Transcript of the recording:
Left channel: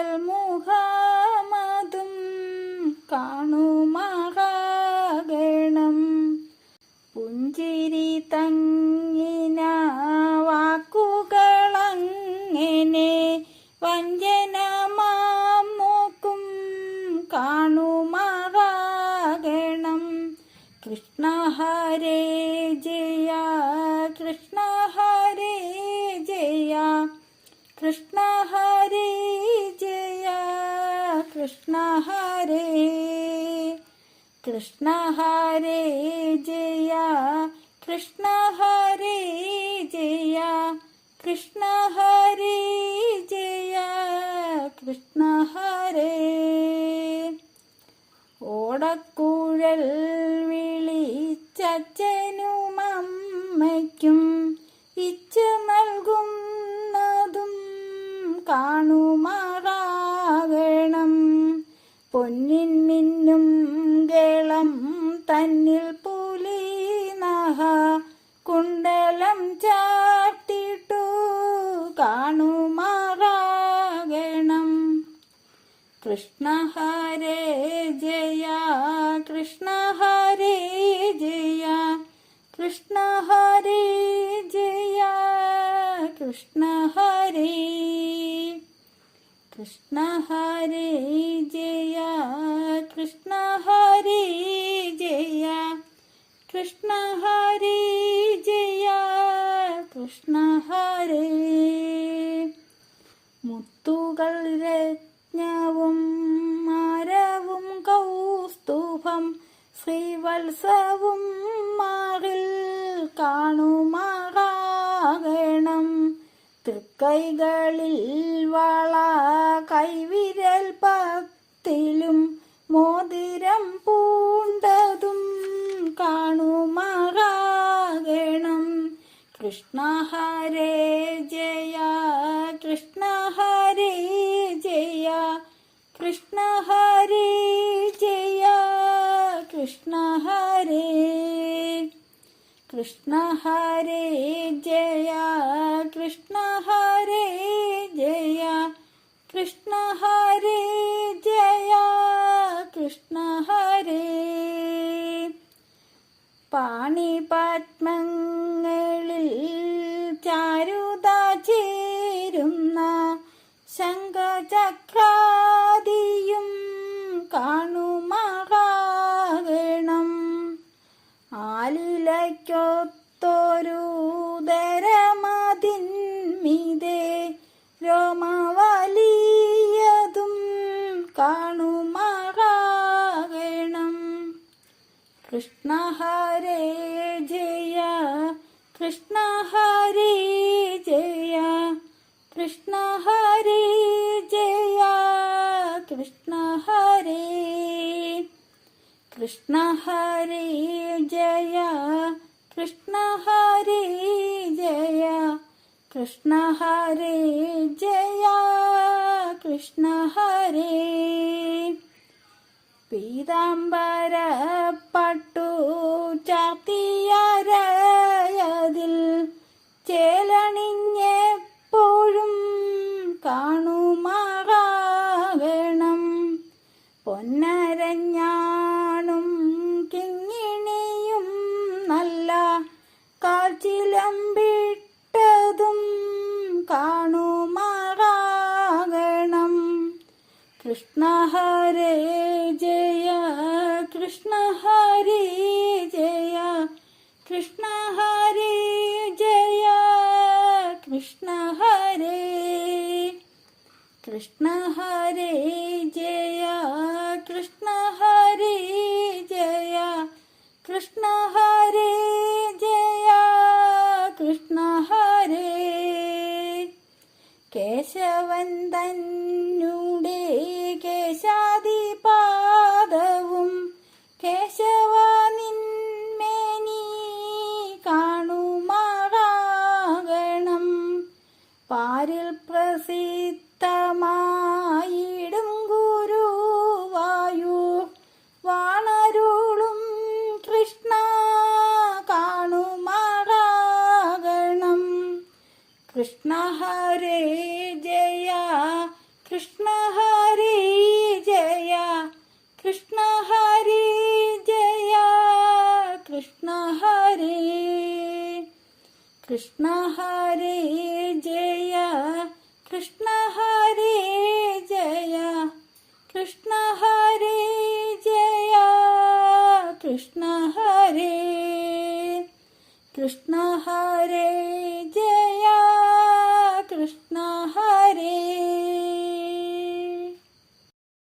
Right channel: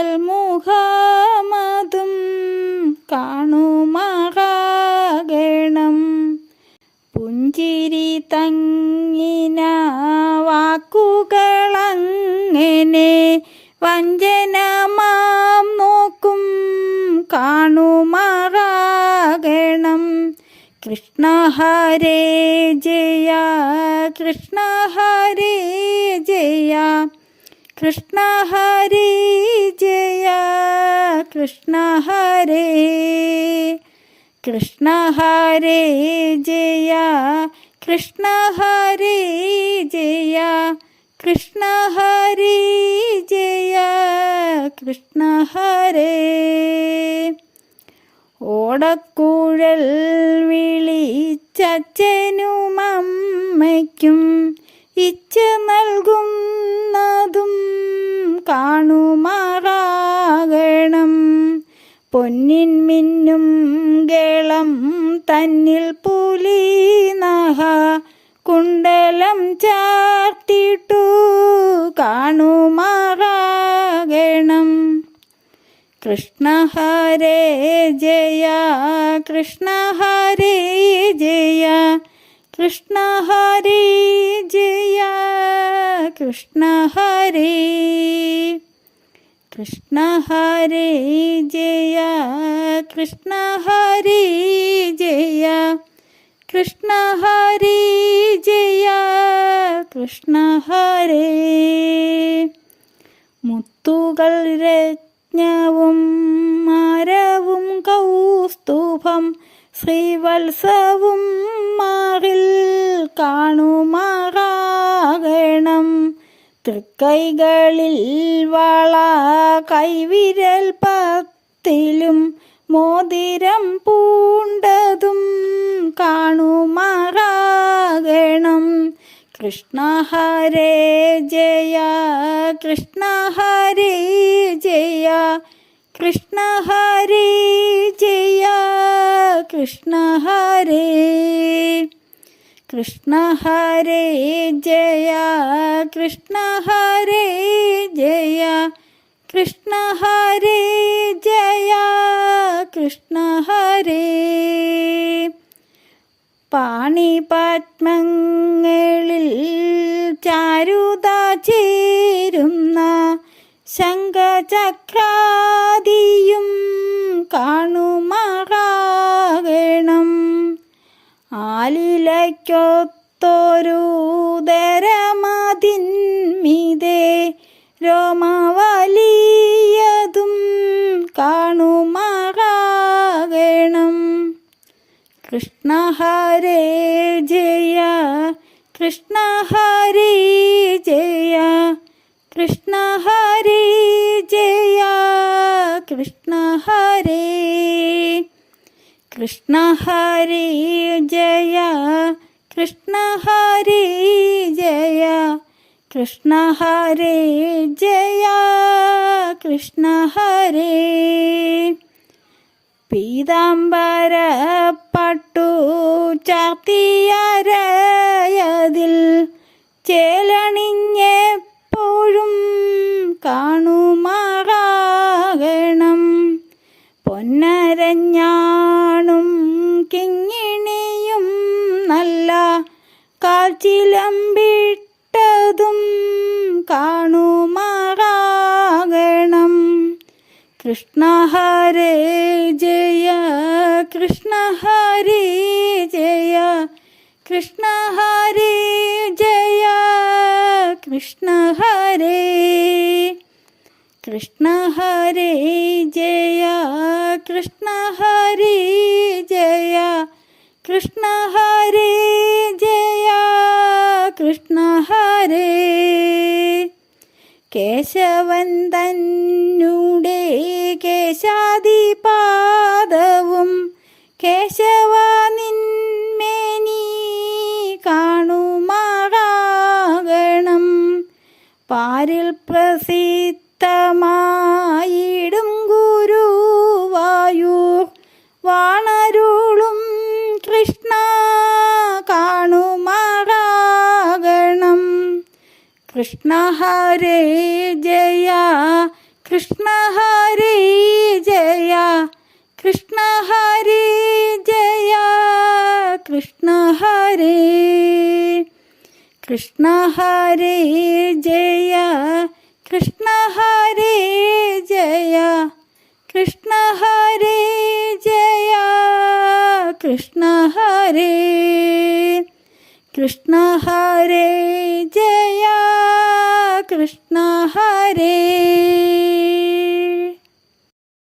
ഓമൽ മുഖമതും കാണുമാകണം പുഞ്ചിരി തങ്ങിന വാക്കുകളങ്ങനെ വഞ്ചനമാം നോക്കും കാണുമാകണം കൃഷ്ണ ഹരേ ജയ കൃഷ്ണ ഹരേ ജയ ഹരേ ജയ കൃഷ്ണ ഹരേ. കൃഷ്ണ ഹരേ ജയ കൃഷ്ണ ഹരേ ജയ കൃഷ്ണ ഹരേ ജയ കൃഷ്ണ ഹരേ. ഓടക്കുഴൽ വിളിച്ചച്ഛനും കൃഷ്ണ ഹരേ ജയ കൃഷ്ണ ഹരേ ജയ കൃഷ്ണ ഹരേ ജയ കൃഷ്ണ ഹരേ കൃഷ്ണ ഹരേ ജയ കൃഷ്ണ ഹരേ ജയ കൃഷ്ണ ഹരേ ജയ കൃഷ്ണ ഹരേ മുത്തുകൾ രജ്ഞവും മരവും കൗസ്തുഭം ശ്രീവത്സവും മാറിൽ കാണുമാറാകണം. തൃക്കൈകളിൽ വള കൈവിരൽ പത്തിലും മോതിരം പൂണ്ടതും കാണുമാറാകണം. കൃഷ്ണ ഹരേ ജയ കൃഷ്ണ ഹരേ ജയ കൃഷ്ണ ഹരേ ജയ കൃഷ്ണ ഹരേ കൃഷ്ണ ഹരേ ജയ കൃഷ്ണ ഹരേ ജയ കൃഷ്ണ ഹരേ ജയ കൃഷ്ണ ഹരേ ആലിലയ്ക്കൊത്തൊരു ദരമതിന്മിതേ രോമവലിയതും കാണുമാകണം കൃഷ്ണ ഹരേ ജയ കൃഷ്ണ ഹരേ ജയ കൃഷ്ണ ഹരേ ജയ കൃഷ്ണ ഹരേ കൃഷ്ണ ഹരേ ജയ കൃഷ്ണ ഹരേ ജയ കൃഷ്ണ ഹരേ ജയ കൃഷ്ണ ഹരേ പീതാംബര പട്ടു ചാത്തിയരയതിൽ കൃഷ്ണ ഹരേ ജയ കൃഷ്ണ ഹരേ ജയ കൃഷ്ണ ഹരേ ജയ കൃഷ്ണ ഹരേ കൃഷ്ണ ഹരേ ജയ കൃഷ്ണ ഹരേ ജയ കൃഷ്ണ ഹരേ ജയ കൃഷ്ണ ഹരേ. കേശവൻ കൃഷ്ണ ഹരേ ജയ കൃഷ്ണ ഹരേ ജയ കൃഷ്ണ ഹരേ ജയ കൃഷ്ണ ഹരേ ജയ കൃഷ്ണ ഹരേ ജയ കൃഷ്ണ ഹരേ ജയ കൃഷ്ണ ഹരേ